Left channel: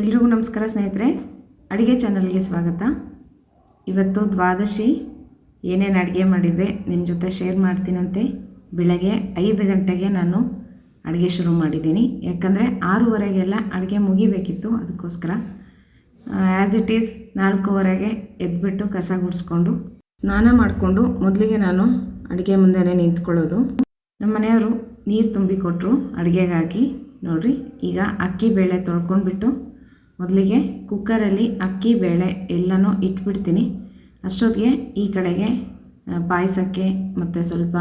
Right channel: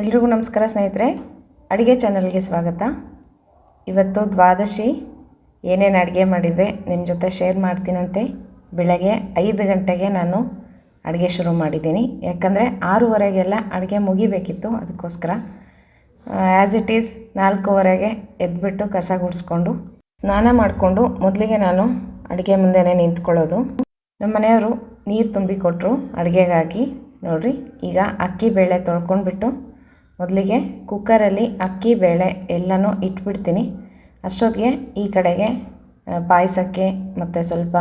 ಎಲ್ರಿಗೂ ನಮಸ್ಕಾರ ಸ್ನೇಹಿತರೆ, ಅಡುಗೆ ಚಾನಲ್ಗೆ ಸ್ವಾಗತ. ಇವತ್ತು ದ್ವಾದಶಿ ಏನೇನು ಅಡುಗೆ ಮಾಡಿದ್ದೆ ನಿಮ್ಮ ಜೊತೆ ಶೇರ್ ಮಾಡ್ತೀನಂತೆ. ಬೆಳಗ್ಗೆ 5 ಗಂಟೆಗೆ ನಾನು ಅಡುಗೆ ಶುರು ಮಾಡಿದ್ದೀನಿ, ಯಾಕಂದರೆ 6:30ಗೆಲ್ಲ ಅಡುಗೆ ಮುಗಿಬೇಕಿತ್ತು. ಅದಕ್ಕೋಸ್ಕರ ಆ್ಯಸ್ ಇಟ್ ಈಸ್ 4:15ಗೆ ಎದ್ಬಿಟ್ಟು ಕಸ ಗುಡಿಸ್ಕೊಂಡು ಸ್ನಾನ ಮಾಡಿಕೊಂಡು ಮೊದಲಿಗೆ ನಾನು ಅಡುಗೆ ಮುಂದೆನೇ ನಿಂತ್ಕೊಳ್ಳೋದು. ನಮ್ಮ ಮನೆಯವರು ನೀರು ತುಂಬಿಕೊಟ್ರು ಅಡುಗೆಗಾಗಿ. ನೋಡಿರಿ, ಈಗ ಅಕ್ಕಿ ಬೇಳೆ ತೊಳ್ಕೊಂಡ್ಬಿಟ್ಟು ಮೊದಲಿಗೆ ಕುಕ್ಕರಲ್ಲಿ ಅಕ್ಕಿ ಬೇಳೆ ಎಲ್ಲನೂ ಇಟ್ಬಿಡ್ತೀನಿ. ಅಷ್ಟೊತ್ತಿಗೆ ಈ ಕಡೆಗೆ ಪಾಯಸಕ್ಕೆ ಮತ್ತು ಸ್ವಲ್ಪ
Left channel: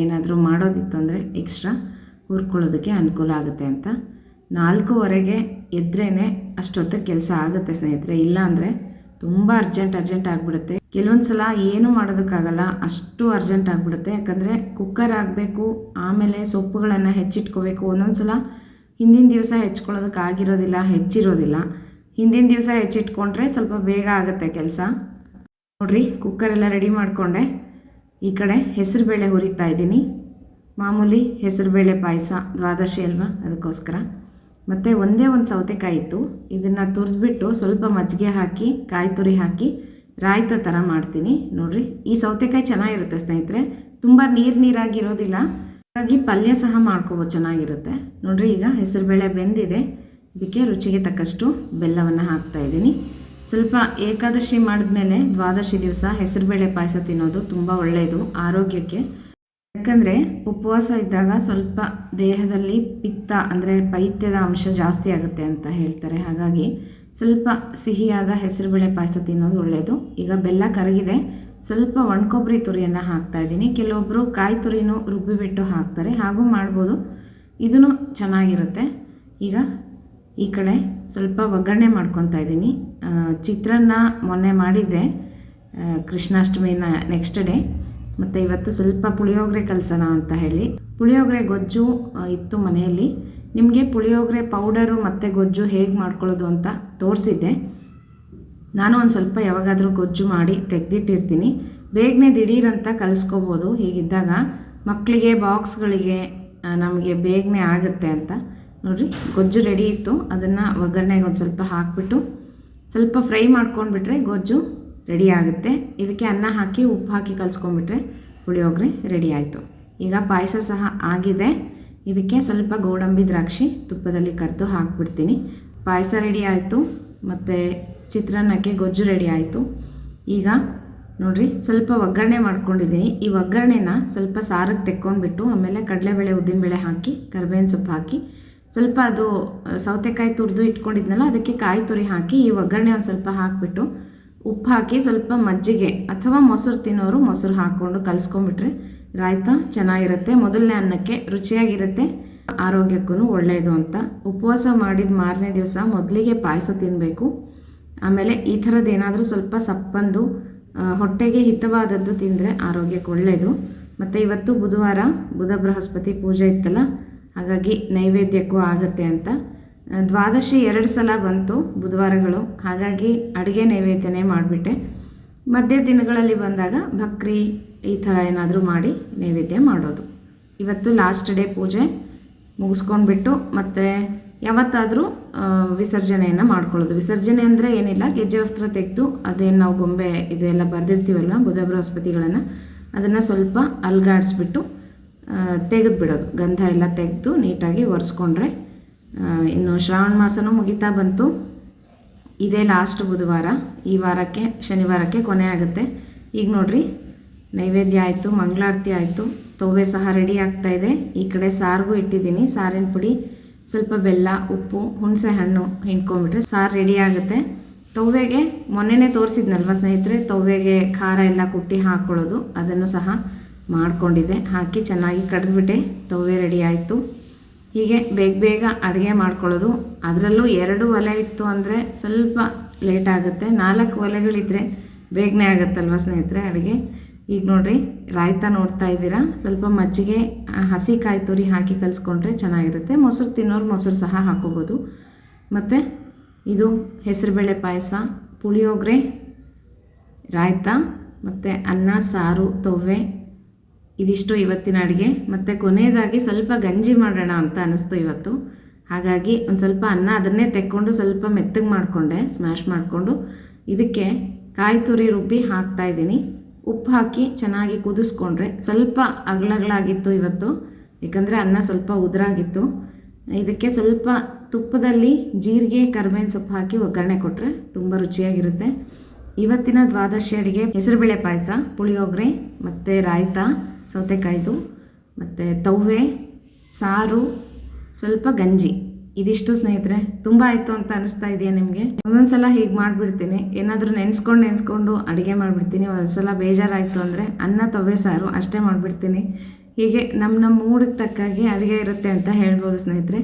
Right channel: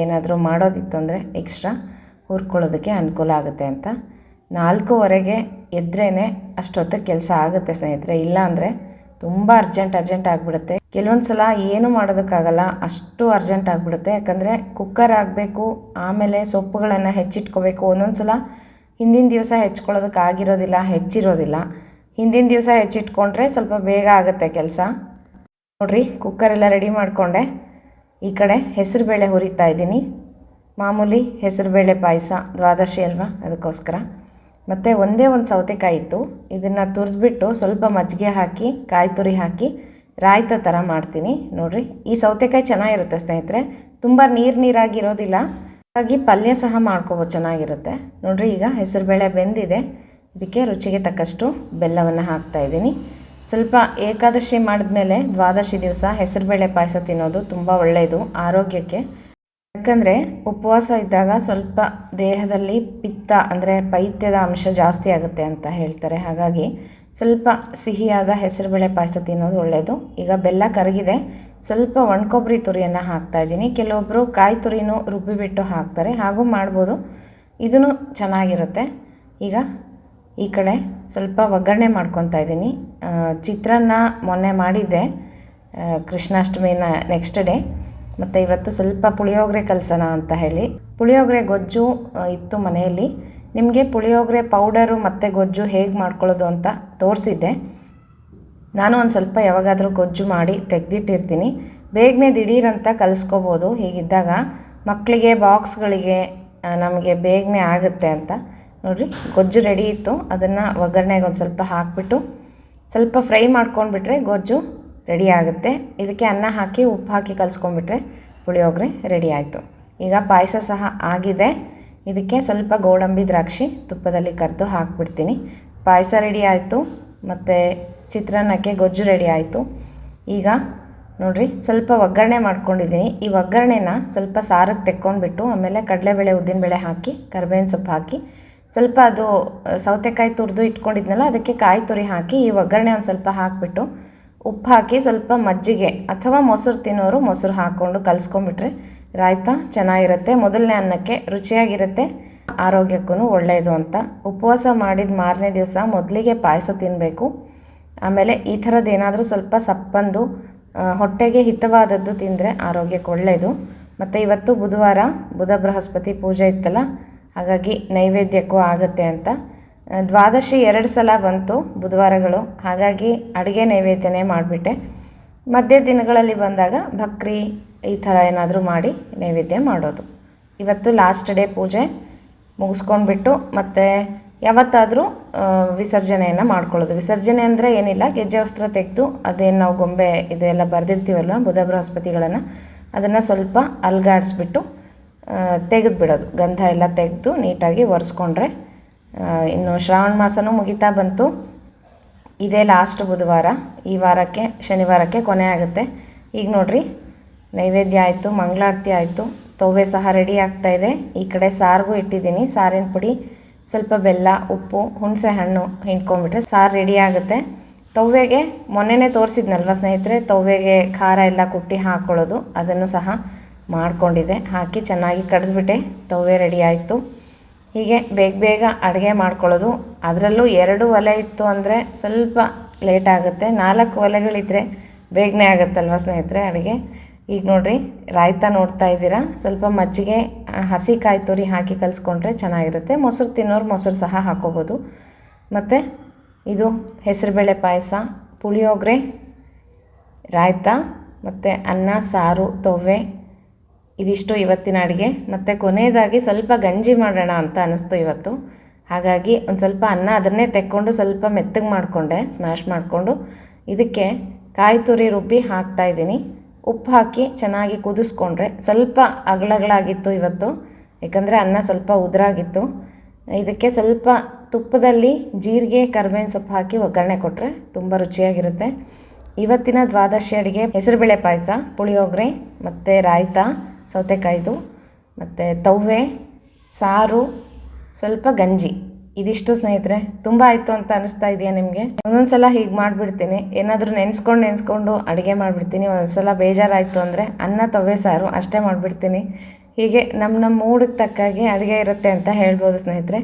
ಏನಾದರೂ ಮಾಡೋದಿತ್ತು ಅಂದರೆ ಎಕ್ಸ್ಟ್ರಾ ಹುರ್ಕೊಳ್ಳೋದಕ್ಕೆ ಅನುಕೂಲ ಆಗುತ್ತೆ ಅಂತ 4:15ಗೆ ಎದ್ರೇ ಅಷ್ಟೊತ್ತಿಗೆ ಕೆಲಸ ಆಗುತ್ತೆ ಸ್ನೇಹಿತರೆ. ಇಲ್ಲ ಅಂದರೆ ತುಂಬ ಅರ್ಜೆಂಟ್ ಆಗಿಬಿಡುತ್ತೆ. ಕೆಲವೊಂದು ಸಲ ಏನೂ ಮಾಡೋದಕ್ಕಾಗಲ್ಲ, ಅಷ್ಟು ಅರ್ಜೆಂಟ್ ಆಗಿಬಿಡುತ್ತೆ. ಯಾಕಂದರೆ ಕುಕ್ಕರ್ ಆಗಬೇಕು, ಆಮೇಲೆ ಸೊಪ್ಪುಗಳನ್ನು ಹೆಚ್ಚಿಟ್ಕೋಬೇಕು. ಒಂದೊಂದು ಸಲ ಹಿಂದಿನ ದಿವಸ ಹೆಚ್ಕೊಳ್ಳೋದಕ್ಕೆ ಹೆಚ್ಚಿರೋದಿಲ್ಲ. ಹಿಂದಿನ ದಿವಸ ಹೆಚ್ಚಿಟ್ಕೊಂಡ್ರೆ ಸ್ವಲ್ಪ ಬೇಗ ಆಗುತ್ತೆ ಕೆಲಸ. ನೋಡಿರಿ, ಕುಕ್ಕರೆಲ್ಲ ರೆಡಿ ಮಾಡಿಕೊಂಡೆ. ಈ ಕಡೆ ಹೆಸರುಬೇಳೆ ಹುರಿತಾ ಇದ್ದೀನಿ. ಮಾಮೂಲಿ ಹೆಸರುಬೇಳೆ ಪಾಯಸ, ದ್ವಾದಶಿ ಅಲ್ವಾ, ಅದಕ್ಕೋಸ್ಕರ. ಮತ್ತು ಒಂದೇ ಒಂದು ಸೌತೆಕಾಯಿ ಇತ್ತು, ಇದನ್ನು ತುರಿದ್ಬಿಟ್ಟು ಸ್ವಲ್ಪ ಮಜ್ಜಿಗೆ ಹಾಕಿ ಕಾಯಿ ತುರಿ ಹಾಕಿ ರಾಯ್ತ ಥರ ಮಾಡ್ತೀನಿ. ನೋಡಿರಿ, ಈ ಸೌತೆಕಾಯಿ ಚೆನ್ನಾಗಿರುತ್ತೆ ಸ್ನೇಹಿತರೆ, ತುಂಬ ನೀರಾಗಿರೋದಿಲ್ಲ, ಹಾಗಾಗಿ ಪಲ್ಯ ಸಹ ಮಾಡ್ಕೋಬೋದು, ಚೆನ್ನಾಗಿರುತ್ತೆ. ನೋಡಿರಿ, ಈಗ ಹೆಸರುಬೇಳೆ ಬೆಂದಿದೆ. ಇದಕ್ಕೆ ರುಚಿಗೆ ತಕ್ಕಷ್ಟು ಬೆಲ್ಲವನ್ನು ಹಾಕ್ತಾಯಿದ್ದೀನಿ. ಸ್ವಲ್ಪ ಏಕಾದಶಿ ಮಾಡಿದ್ಮೇಲೆ ದ್ವಾದಶಿ ದಿವಸ ಹೆಸರುಬೇಳೆ ಪಾಯಸ ತಿನ್ನೋದು ತುಂಬ ಒಳ್ಳೆಯದು ಆರೋಗ್ಯಕ್ಕೆ. ಯಾಕಂದರೆ ಉಪವಾಸ ಇದ್ದಾಗ ಸ್ವಲ್ಪ ದೇಹದಲ್ಲಿ ಪಿತ್ತ ಅಂದರೆ ಪೈತ್ಯದ ಅಂಶ ಜಾಸ್ತಿ ಆಗುತ್ತೆ ಅಂತ ಹೇಳ್ತಾರೆ. ಹಾಗಾಗಿ ಸ್ವಲ್ಪ ಸಿಹಿಯಾದ ಹೆಸರುಬೇಳೆ ಪಾಯಸ ತಿನ್ನೋದು ಒಳ್ಳೆಯದು. ಈಗ ಬೆಲ್ಲ ಕರಗಿದೆ, ಸ್ವಲ್ಪ ಒಣಕೊಬ್ಬರಿ ತುರಿಯನ್ನು ಹಾಕ್ತಾಯಿದ್ದೀನಿ. ಕೆಲವೊಬ್ಬರು ಕಾಯಿ ತುರಿನೂ ರುಬ್ಬಿಬಿಟ್ಟು ಹಾಕ್ತಾರೆ, ಹಾಗೂ ಮಾಡ್ಬೋದು, ಇದೂ ಚೆನ್ನಾಗಿರುತ್ತೆ. ಈಗ ಈ ಕಡೆ ಸ್ವಲ್ಪ ಒಗ್ಗರಣೆ ಮಾಡ್ಕೊತಾ ಇದ್ದೀನಿ. ಚಿತ್ರಾನ್ನ ಮೊನ್ನೆ ಮಾಡಿದ್ದೆ ಕೃಷ್ಣಾಷ್ಟಮಿನ ನೆಕ್ಸ್ಟ್ ಡೇ, ಮತ್ತು ಇವತ್ತು ಸ್ವಲ್ಪ ಪುಳಿಯೋಗರೆ ಕಲಸೋಣ ಅಂತ ಹೇಳಿ. ಪುಳಿಯೋಗರೆ ಗೊಜ್ಜು ಇತ್ತು ಮನೆಯಲ್ಲಿ. ನಿಮಗೆ ಪುಳಿಯೋಗರೆ ಪೌಡರು ಮತ್ತು ಗೊಜ್ಜು ಹೇಗೆ ಮಾಡ್ಕೊಳ್ಳೋದು ಅಂತ ತೋರಿಸಿದ್ದೆ. ನಾನು ಒಂದು ಸ್ವಲ್ಪ ಯಾವಾಗಾದರೂ ಗೊಜ್ಜು ಮಾಡಿ ತೆಗೆದಿಟ್ಟಿರ್ತೀನಿ, ಬೇಗನೆ ದಿಢೀರಂತ ಕಲಿಸ್ಕೋಬೋದು. ಹೀಗಿದ್ದಾಗ ಮಕ್ಕಳಿಗೆ ಬಾಕ್ಸ್ಗಳಿಗೆ ನಮಗೆ ಬೇಗನೆ ಆಗುತ್ತೆ ಅಂತ. ನೋಡಿರಿ, ಗೊಜ್ಜು ರೆಡಿ ಇತ್ತು. ಅದನ್ನು ಒಗ್ಗರಣೆಗೆ ಒಂದು ಸ್ವಲ್ಪ ಹಾಕಿಬಿಟ್ಟು ಸ್ವಲ್ಪ ಫ್ರೈ ಮಾಡ್ಕೊಂಡ್ಬಿಟ್ರೆ ಗೊಜ್ಜು ರೆಡಿ ಆಗುತ್ತೆ. ಇದಕ್ಕೆ ಅನ್ನ ಹಾಕಿ ಉಪ್ಪು ಹಾಕಿ ಕಲಿಸ್ಕೊಂಡ್ಬಿಟ್ರೆ ಪುಳಿಯೋಗರೆ ರೆಡಿ ಆಯಿತು. ಈಗ ಪಾಯಸ ಸಹ ಆಗಿದೆ. ಇದಕ್ಕೆ ಸ್ವಲ್ಪ ಗೋಡಂಬಿ ದ್ರಾಕ್ಷಿ ತುಪ್ಪದಲ್ಲಿ ಕರೆದು ಹಾಕ್ಬಿಡ್ತೀನಿ. ಪಾಯಸ ರೆಡಿ ಆಯಿತು, ಮತ್ತು ಚಿತ್ರಾನ್ನಕ್ಕೆ ಗೊಜ್ಜು ರೆಡಿ ಆಯಿತು. ಈಗ ನೋಡಿರಿ, ಸ್ವಲ್ಪ ಒಗ್ಗರಣೆ ಮಾಡ್ಕೊಂಡಿದ್ದೀನಿ. ಈ ಒಗ್ಗರಣೆನ ಸ್ವಲ್ಪ ಸಾರಿಗೆ ತೆಕ್ಕೊಂಡ್ಬಿಟ್ಟು ಆಮೇಲೆ ಕಡಲೆಬೇಳೆ ಉದ್ದಿನಬೇಳೆ ಹಾಕಿ ಕರಿಬೇವಿನ ಸೊಪ್ಪು ಹಾಕಿ ಸ್ವಲ್ಪ ಅದು ಸೌತೆಕಾಯಿ ತುರಿದು ಇಟ್ಕೊಂಡಿದ್ನಲ್ಲ, ಅದಕ್ಕೆ ಕಾಯಿ ತುರಿ ಹಾಕಿ ಈ ಒಗ್ಗರಣೆ ಒಂದು ಸ್ವಲ್ಪ ಹಾಕಿಬಿಟ್ಟು ಉಪ್ಪು ಹಾಕಿ ಸ್ವಲ್ಪ ಮಜ್ಜಿಗೆ ಅಥವಾ ಮೊಸರು ತಿನ್ನೋರು ಮೊಸರು ಹಾಕ್ಕೊಂಡು ಕಲಿಸ್ಕೊಂಡ್ಬಿಟ್ರೆ ರಾಯ್ತ ಚೆನ್ನಾಗಿರುತ್ತೆ. ಮೊದಲನೇ ಅನ್ನಕ್ಕೆ ರುಚಿಯಾಗಿರುತ್ತೆ, ಆರೋಗ್ಯಕ್ಕೂ ಒಳ್ಳೆಯದು ಅಂತ. ಉಪವಾಸ ಮಾಡಿದ ಮಾರನೇ ದಿವಸ ಮೊದಲಿಗೆ ಪಾಯಸ ತಿನ್ನಬೇಕು. ಆಮೇಲೆ ಈ ಥರದ್ದು ಏನಾದರೂ ಸ್ವಲ್ಪ ಸಪ್ಪಂದು ಹೊಟ್ಟೆಗೆ ಹಿತವಾದದ್ದು ತಿಂದರೆ ಆರೋಗ್ಯಕ್ಕೆ ಒಳ್ಳೆಯದು. ಮತ್ತು ಇವತ್ತು ಬುಧವಾರ, ಬುಧ ಬೃಹಸ್ಪತಿ ಪೂಜೆ ಇತ್ತಲ್ಲ, ಹಾಗಾಗಿ ನೈವೇದ್ಯಕ್ಕೂ ಆಗುತ್ತೆ ಅಂತ. ದ್ವಾದಶಿ 2 ಸಲ ಬಂತು ಬುಧವಾರಗಳು, ಹಾಗಾಗಿ ಅಡುಗೆ ನೈವೇದ್ಯನೇ ಮಾಡಿಬಿಟ್ಟೆ. ಮಧ್ಯ ದಿನಗಳಲ್ಲಿ ಬಂದಾಗ ಭಕ್ರಿ ಈ ಥರ ಏನಾದರೂ ಮಾಡಿ ನೈವೇದ್ಯ ಮಾಡೋದು. ಇವತ್ತು ಲಾಸ್ಟ್ ಡೇ ಪೂಜೆ ಮುಗಿಸ್ಕೊಂಡ್ಬಿಟ್ಟು ಮತ್ತು ಯಾವತ್ತಾದರೂ ವಿಸರ್ಜನೆಯನ್ನು ಮಾಡ್ಕೊಳ್ಳೋದು. ವಿಸರ್ಜನೆ ಅಂದರೆ ಏನಿಲ್ಲ, ಗೆಜ್ಜೆ ವಸ್ತ್ರ ತೆಗೆದು ಅದೇನು ನಾವು ಗೊಂಬೆ ಇದೆಲ್ಲ ಬರೆದಿರ್ತೀವಲ್ವ ಬುಧ ಬೃಹಸ್ಪತಿಗಳನ್ನು, ಅದನ್ನು ಸ್ವಲ್ಪ ಅಲ್ಗಾಡಿಸ್ಬಿಟ್ಟು ತೆಗೆದುಬಿಡೋದು. ಗಂಧ ಎಲ್ಲ ತೆಗೆದು ನೀಟಾಗಿ ಒರೆಸ್ಕೊಂಡ್ರೆ. ಇನ್ನು ಶ್ರಾವಣ ಮಾಸನೂ ಮುಗಿತಾ ಬಂತು. ಇದೇ ಲಾಸ್ಟ್ ಬುಧವಾರ, ಈ ವಾರಕ್ಕೆ ಶನಿವಾರಕ್ಕೆ ಕೊನೆ ಆಗುತ್ತೆ. ಈಗ ನೋಡಿರಿ, ನೈವೇದ್ಯ ಆಯಿತು, ಮಂಗಳಾರತಿ ಆಯಿತು, ತವ್ವೆ ಸಹ ರೆಡಿ ಆಗ್ತಾಯಿದೆ. ಈ ಕಡೆ ಸಾರಿಗೂ ಇಟ್ಟಿದ್ದೀನಿ. ಸಾರಿನ ಪುಡಿ, ಸ್ವಲ್ಪ ಬೆಲ್ಲ, ಉಪ್ಪು, ಹುಣಸೆ ಹಣ್ಣು ಹಿಂಡ್ಕೊಂಡ್ಬಿಟ್ರೆ ಸಾರು ರೆಡಿ ಆಗುತ್ತೆ. ತವ್ವೆಗೆ ಮೊನ್ನೆನೇ ತೋರಿಸಿದ್ನಲ್ವ ಸ್ನೇಹಿತರೆ, ತವ್ವೆಗೆ ಖಾರ ಎಲ್ಲ ಕುಟ್ಟಿ ಹಾಕ್ಕೊಳ್ಳೋದು, ಅದನ್ನು ಸಹ ಮಾಡಿಕೊಂಡಿದ್ದೆ. ಹಾಕಿ ಚೆನ್ನಾಗಿ ಕಡಿದ್ಬಿಟ್ಟೆ, ತವ್ವೆ ರೆಡಿ ಆಯಿತು. ಹೀಗೆ ಬೇಗ ಅಡುಗೆ ಮಾಡ್ಕೊಳ್ಳೋದು. ಅದರಲ್ಲೂ 2 ಒಲೆ ಇತ್ತು ಅಂದರೆ ಸ್ವಲ್ಪ ಲೇಟ್ ಆಗುತ್ತೆ. 4 ಒಲೆಗಳಿದ್ದರೆ ಬೇಗನೆ ಆಗುತ್ತಲ್ವ ಸ್ನೇಹಿತರೆ ಅಡುಗೆ. ಈಗ ನೋಡಿರಿ, ರಾಯ್ತ ನೋಡ್ತಾ ಇದ್ದೀರಾ, ಸ್ವಲ್ಪ ಮಜ್ಜಿಗೆ ಹಸಿ ಕಾಯಿ ತುರಿ ಹಾಕಿ ಕಲಿಸ್ಕೊಂಡ್ರೆ ಚೆನ್ನಾಗಿರುತ್ತೆ. ಮೊಸರು ತಿನ್ನೋರು ಮೊಸರು ಸಹ ಹಾಕ್ಕೋಬೋದು. ಮತ್ತು ಇದು ಹೆಸರುಬೇಳೆ ಪಾಯಸ, ಪುಳಿಯೋಗರೆ, ರಾಯ್ತ ಮತ್ತು ಅನ್ನ, ಸಾರು, ತವ್ವೆ, ಇದಿಷ್ಟು ಇವತ್ತಿನ ಅಡುಗೆ. ಮತ್ತು ಕೊನೆಯದಾಗಿ ಸ್ವಲ್ಪ ಗಂಜಿ ಮಾಡೋಣ ಅಂತ ಅನ್ನಿಸ್ತು ಇವತ್ತು. ಹಾಗಾಗಿ ಒಂದು ಸ್ವಲ್ಪ ಅನ್ನ ಅದನ್ನೇ ತೆಕ್ಕೊಂಡು ಸ್ವಲ್ಪ ಮೆತ್ತಗೆ ಮಾಡಿಕೊಂಡೆ, ಸ್ಮ್ಯಾಶ್ ಮಾಡಿಕೊಂಡು ಇದಕ್ಕೆ ಕಾಯಿ ತುರಿ ರುಬ್ಬಿ ಹಾಕ್ತಾಯಿದ್ದೀನಿ. ಉಪ್ಪು ಹಾಕಿ ಚೆನ್ನಾಗಿ ಕುದಿಸ್ಕೊಂಡ್ರೆ ಸ್ವಲ್ಪ ಅಗಳಾಗಿತ್ತು ಇವತ್ತು, ಯಾಕಂದರೆ ಅನ್ನ ಸ್ವಲ್ಪ ಉದುರಾಗಿತ್ತು. ಇದಕ್ಕೆ ಸ್ವಲ್ಪ ತುಪ್ಪದಲ್ಲಿ ಜೀರಿಗೆ ಕರಿಬೇವಿನ ಸೊಪ್ಪು ಹಾಕಿ ಒಗ್ಗರಣೆ ಕೊಟ್ಟರೆ ತುಂಬ ರುಚಿಯಾಗಿರುತ್ತೆ. ಇವತ್ತಿನ ದ್ವಾದಶಿ ಅಡುಗೆ ಹೆಸರುಬೇಳೆ ಪಾಯಸ, ಪುಳಿಯೋಗರೆ ಮತ್ತು ರಾಯ್ತ ಸೌತೆಕಾಯ್ದು ಮತ್ತು ತವ್ವೆ ಸಾರು, ಸ್ವಲ್ಪ ಗಂಜಿ. ಇದಿಷ್ಟು ಸ್ನೇಹಿತರೆ. ತುಂಬ ಆಯಿತು ಅಂತ ಅನಿಸ್ತಾ ಇದೆಯಾ ನಿಮಗೆ? ಒಂದೊಂದು ಸಲ ಹೀಗೆ ಮಾಡಿಬಿಡ್ತೀನಿ, ಏನಾದರೂ ನೆನೆಸ್ಕೊಂಡು ಅಡುಗೆ ಮಾಡಿಬಿಡ್ತೀನಿ. ಒಂದೊಂದು ಸಲ ಬೇಜಾರಾಯಿತು ಅಂದರೆ ಅನ್ನ ತವ್ವೆ ಸಾರು ಅಷ್ಟೇ ಮಾಡಿಬಿಡ್ತೀನಿ. ಹೀಗೆ ನಮ್ಮ ಮೂಡಿಗೆ ತಕ್ಕಾಗೆ ಅಡುಗೆ ಇರುತ್ತೆ ಅಂತ ಹೇಳ್ಬೋದು ಸ್ನೇಹಿತರೆ.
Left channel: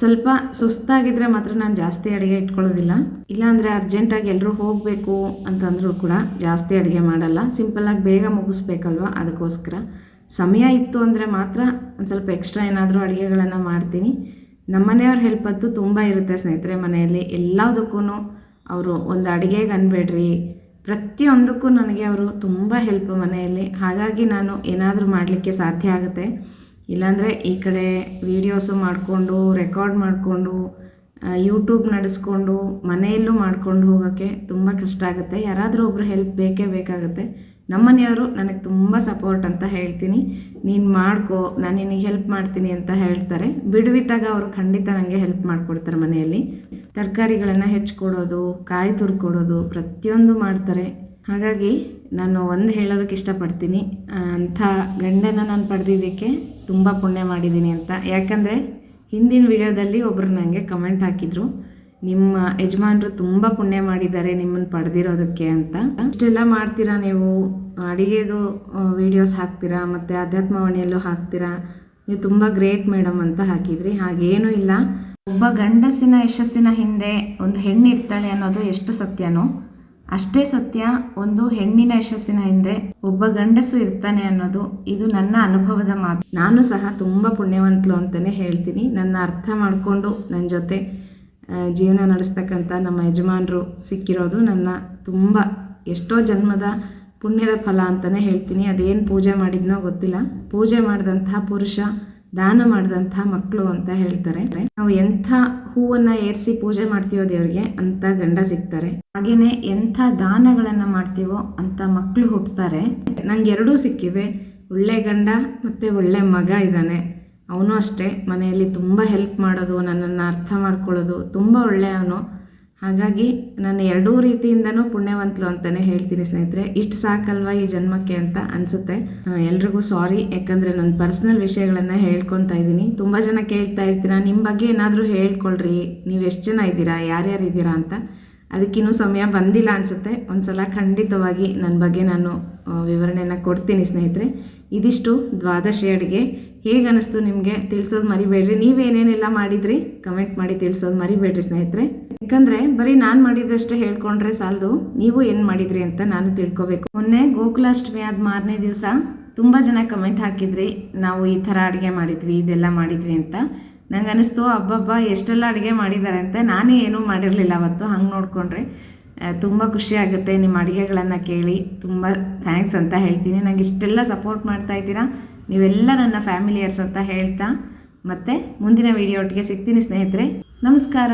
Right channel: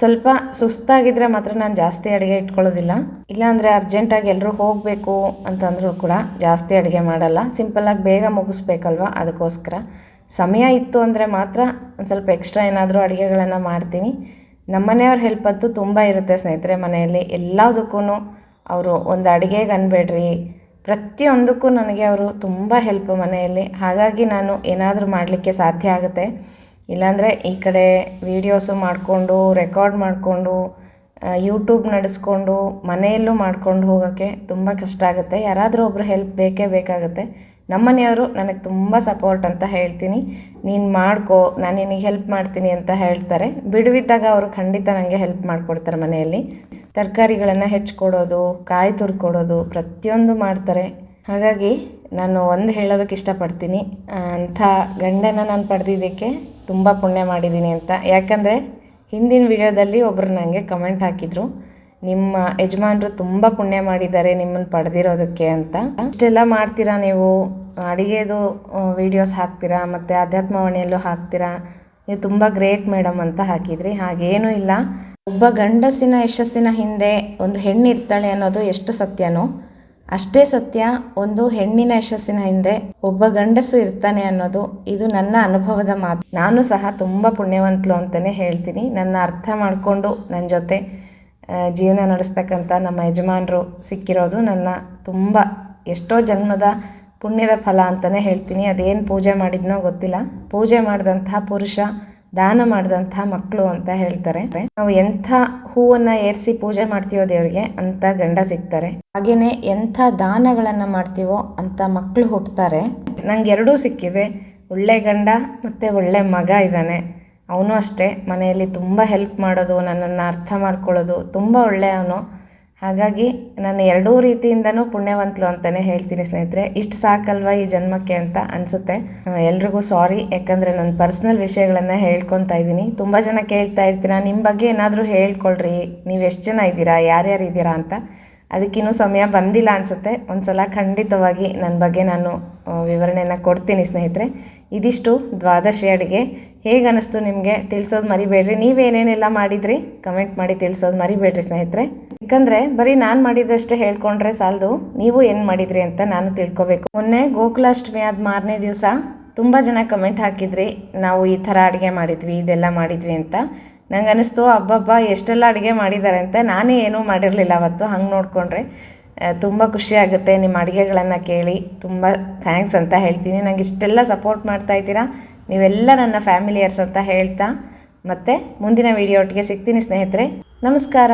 ಸ್ವಲ್ಪ ಸುಸ್ತಾಗಿದ್ದರೆ ಮಾತ್ರ ನಾನು ಜಾಸ್ತಿ ಅಡುಗೆ ಇಟ್ಕೊಳ್ಳೋದಿಲ್ಲ. ಇಲ್ಲಾಂದರೆ ಅರ್ಜೆಂಟಾಗಿ ಎಲ್ಲರೂ ಹೋಗಬೇಕು ಅಂತಂದರೂ ಕೂಡ ಜಾಸ್ತಿ ಅಡುಗೆ ಮಾಡಲ್ಲ. ಸಿಂಪಲ್ಲಾಗಿ ಬೇಗ ಮುಗಿಸ್ಬೇಕಲ್ವ, ಅದಕ್ಕೋಸ್ಕರ. ಸಮಯ ಇತ್ತು ಅಂದರೆ ಮಾತ್ರ ಒಂದು ಸ್ವಲ್ಪ ಎಕ್ಸ್ಟ್ರಾ ಏನಾದರೂ ಅಡುಗೆಗಳನ್ನು ಮಾಡ್ತೀನಿ. ನಮ್ಮ ಮನೆಯವ್ರ ಹೆಲ್ಪ್ ಅಂತೂ ತುಂಬ ಇರುತ್ತೆ ಸ್ನೇಹಿತರೆ. ಮನೆಯಲ್ಲಿ ಎಲ್ಲದಕ್ಕೂ ಅವರು ಒಂದು ಅಡುಗೆಗೆ ಅನ್ಬೇಡ್ರಿ, ಪ್ರತಿಯೊಂದಕ್ಕೂ ನನಗೆ ಅವರು ತುಂಬ ಹೆಲ್ಪ್ ಮನೆಯಲ್ಲಿ. ಹಾಗಾಗಿ ನಾನು ಏನಾದರೂ ಮಾಡಲಿಕ್ಕೆ ಸಾಧ್ಯ ಆಗುತ್ತೆ. ಇಲ್ಲಾಂದರೆ ಈ ಕಡೆ ವೀಡಿಯೋಸು ಮಾಡಿಕೊಂಡು ರೆಕಾರ್ಡ್ ಮಾಡಿಕೊಂಡು ಯೂಟ್ಯೂಬ್ ನಡೆಸ್ಕೊಂಡು ಮನೆಯಲ್ಲೂ ಮಾಡ್ಕೊಂಡು ಹೋಗೋಕ್ಕೆ ತುಂಬ ಕಷ್ಟ ಆಗುತ್ತೆ. ಯಾರಾದರೂ ಒಬ್ಬರು ಹೆಲ್ಪ್ ಬೇಕೇ ಬೇಕಾಗುತ್ತೆ. ನಮ್ಮ ಮನೆಯವರು ನನಗೆ ತುಂಬ ಸಪೋರ್ಟ್ ಅಂತ ಹೇಳ್ತೀನಿ. ನೀನು ಮಾಡ್ಕೋ, ನಾನು ನಿನಗೆ ಹೆಲ್ಪ್ ಮಾಡ್ತೀನಿ ಅಂತ ಹೇಳ್ತಾರೆ. ಬಿಡುವಿದ್ದಾಗ ಅವರು ಖಂಡಿತ ನನಗೆ ಹೆಲ್ಪ್ ಮಾಡಿಕೊಡ್ತಾರೆ. ಮನೆಯಲ್ಲಿ ತರಕಾರಿಗಳನ್ನು ಹೆಚ್ಚಿಕೊಡೋದು, ಕಾಯಿ ತುರ್ಕೊಡೋದು, ಪ್ರತಿಯೊಂದು ಮಾಡ್ತಾರೆ. ಹಾಗಾಗಿ ನಾನು ಒಂದು ಹೇಳೋದಕ್ಕೆ ಇಷ್ಟಪಡ್ತೀನಿ, ಅಂಥ ಗಂಡನ ನಾನು ಪಡೆದಿದ್ದಕ್ಕೆ ತುಂಬ ಪುಣ್ಯ ಮಾಡಿದ್ದೀನಿ ಅಂತ. ಯಾಕಂದರೆ ಹಿಂದಿನ ವಿಡಿಯೋದಲ್ಲಿ ಒಬ್ಬರು ನನಗೆ ಕಮೆಂಟ್ ಹಾಕಿದರು, ನಿಮ್ಮ ಯಜಮಾನರು ತುಂಬ ಪುಣ್ಯ ಮಾಡಿದ್ದಾರೆ ನಿಮ್ಮನ್ನು ಪಡೆದಿರೋದಕ್ಕೆ ಅಂತ. ಇಷ್ಟೆಲ್ಲ ಮಾಡ್ತೀರಾ ನೀವು, ಅಡುಗೆದು ವೀಡಿಯೋಸ್ ಹಾಕ್ತೀರಾ ಮತ್ತು ಅಧ್ಯಾತ್ಮವಾಣಿಯಲ್ಲೂ ಹಾಕ್ತೀರಾ, ನೀವು ತುಂಬ ಗ್ರೇಟ್ ಮೇಡಮ್ ಅಂತ ಹಾಕಿದ್ರಿ. ಹಾಗೇನೂ ಇಲ್ಲ. ಒಬ್ಬ ಗಂಡಸಿನ ಯಶಸ್ಸಿನ ಹಿಂದೆ ಒಂದು ಹೆಣ್ಣು ಇರ್ತಾಳೆ ಅನ್ನೋದು ಎಷ್ಟು ಸತ್ಯನೋ ಅಷ್ಟೇ ಸತ್ಯ ಒಂದು ಹೆಣ್ಣಿನ ಯಶಸ್ಸಿನ ಹಿಂದೆ ಒಬ್ಬ ಗಂಡಸು ಇರ್ತಾನೆ ಅನ್ನೋದು ಇದು ನನ್ನ ಅನುಭವದ ಮಾತು. ನಾನು ಸಹ ತುಂಬ ಪುಣ್ಯವಂತಳು ಅಂತಲೇ ಹೇಳ್ತೀನಿ. ನನ್ನ ಅರ್ಥ ಮಾಡಿಕೊಂಡು ನನ್ನ ಜೊತೆ ಜೀವನ ನಡೆಸ್ತಕ್ಕಂಥ ನಮ್ಮ ಯಜಮಾನರು ಸಿಕ್ಕಿರೋದು ನನ್ನ ತುಂಬ ಎಷ್ಟೋ ಜನ್ಮದ ಪುಣ್ಯದ ಫಲ ಅಂತಲೇ ಹೇಳ್ತೀನಿ. ಅದೇನು ಪೂಜೆ ಮಾಡಿದ್ನೋ ಗೊತ್ತಿಲ್ಲ. ಪೂಜೆ ಮಾಡಿದಂತಹ ಪುರುಷ ದಾನ ಮಾಡಿದಂತಹ ಮಕ್ಕಳು ಅಂತ ಹೇಳ್ತಾರೆ. ನಾವು ಎಂಥ ಹೂವನ್ನು ಏರಿಸಿ ಪೂಜೆ ಮಾಡ್ತೀವೋ ದೇವರಿಗೆ ಅಂಥ ಗಂಡ ಸಿಗ್ತಾರೆ. ಹಾಗೆಯೇ ಎಂಥ ದಾನಗಳನ್ನು ಮಾಡ್ತೀವೋ ಅಂಥ ಮಕ್ಕಳು ಹುಟ್ಟುತ್ತಾರೆ. ನಂಗೆ ಎರಡೂ ಸಿಕ್ಕಿದೆ, ಒಳ್ಳೆ ಗಂಡ ಮತ್ತು ಒಳ್ಳೆ ಮಗ ಇದ್ದಾನೆ. ಅವನು ಅಷ್ಟೇ ಮನೆಯಲ್ಲಿ ತುಂಬ ಹೆಲ್ಪ್ ಮಾಡೋದು, ನನ್ನನ್ನು ಅರ್ಥ ಮಾಡ್ಕೊಳ್ಳೋದು, ತುಂಬ ಒಳ್ಳೆಯವನು. ಹಾಗಾಗಿ ನಾನು ಎರಡೂ ರೀತಿಯಿಂದನೂ ಪುಣ್ಯವಂತಲು ಅಂತಲೇ ಹೇಳ್ತೀನಿ ಸ್ನೇಹಿತರೆ. ಇಷ್ಟು ಸಾಕಲ್ವ ಈ ಜನ್ಮಕ್ಕೆ ಅಂತ ಅನಿಸುತ್ತೆ. ಎಲ್ರಿಗೂ ಸಾರಿ, ಯಾಕಂದರೆ ನನ್ನ ಪರ್ಸ್ನಲ್ ವಿಷಯಗಳನ್ನು ಹೇಳ್ಕೊತಾ ಇದ್ದೀನಿ. ತುಂಬ ಜನ ಕೇಳ್ತಾ ಇರ್ತೀರ, ನಿಮ್ಮ ಬಗ್ಗೆ ಏನಾದರೂ ಹೇಳ್ಕೊಳ್ರಿ, ನೀವು ಎಷ್ಟು ಜನ ಇದ್ದೀರಾ, ಯಾರ್ಯಾರು ಇದ್ದೀರಾ ಅಂತ. ಅದಕ್ಕಿನ್ನೂ ಸಮಯ ಬಂದಿಲ್ಲ ಅನಿಸುತ್ತೆ. ಒಂದು ಸಲ ಖಂಡಿತವಾಗಿ ನನ್ನ ಬಗ್ಗೆ ನಾನು ವಿವರಣೆಯನ್ನು ಕೊಡ್ತೀನಿ ಸ್ನೇಹಿತರೆ. ಇದಿಷ್ಟು ದ್ವಾದಶಿ ಅಡುಗೆ. ಹೇಗೆ ಅನ್ನಿಸ್ತು ನಿಮಗೆ ತಿಳಿಸೋದು ಮರಿಬೇಡ್ರಿ. ನೀವೇನೇನೆಲ್ಲ ಮಾಡಿದ್ರಿ ಕಮೆಂಟ್ ಮಾಡಿ ತಿಳಿಸೋದು ಮರಿಬೇಡ್ರಿ ಸ್ನೇಹಿತರೆ. ಯಾಕಂದರೆ ಬರೀ ನಾನು ಮಾಡಿದ್ದಷ್ಟೇ ಹೇಳ್ಕೊಂಡ್ರೆ ಸಾಲದು, ನೀವು ಏನು ಮಾಡಿದ್ರಿ ಅಂತ ನಾನು ತಿಳ್ಕೊಬೇಕು. ಮೊನ್ನೆ ಗೋಕುಲಾಷ್ಟಮಿ ಆದ ಮಾರನೇ ದಿವಸ ತುಂಬ ಜನ ಕಮೆಂಟ್ ಹಾಕಿದ್ರಿ, ನಾವು ಈ ಥರ ಅಡುಗೆ ಮಾಡಿದ್ವಿ, ಇದೆಲ್ಲ ಮಾಡಿದ್ವಿ ಅಂತ. ನಂಗೆ ಅನ್ನಿಸ್ತು ಹಬ್ಬ ಎಷ್ಟೆಲ್ಲ ಅಡುಗೆ ಮಾಡಿದ್ದಾರೆ ಅಂತ. ನಾನೇ ಏನೂ ಮಾಡಿರಲಿಲ್ಲ ಅವತ್ತು. ಹಂಗೆ ನೋಡಿಕೊಂಡ್ರೆ ತುಂಬ ಖುಷಿಯಾಗುತ್ತೆ ನಿಮ್ಮ ಅಡುಗೆಗಳನ್ನು ಕೇಳಿ. ತುಂಬ ಥ್ಯಾಂಕ್ಸ್ ಅಂತ ಹೇಳ್ತೀನಿ. ನನಗೆ ಇಷ್ಟೆಲ್ಲ ಸಪೋರ್ಟ್ ಮಾಡ್ತಾಯಿದ್ದೀರಾ, ನೀವೆಲ್ಲ ನನ್ನ ಫ್ಯಾಮಿಲಿಯರ್ಸ್ ಅಂತ ಹೇಳ್ತಾ ಮತ್ತೆ ಮುಂದಿನ ವಿಡಿಯೋ ಒಟ್ಟಿಗೆ ಸಿಗ್ತೀನಿ ಸ್ನೇಹಿತರೆ. ನಮಸ್ಕಾರ.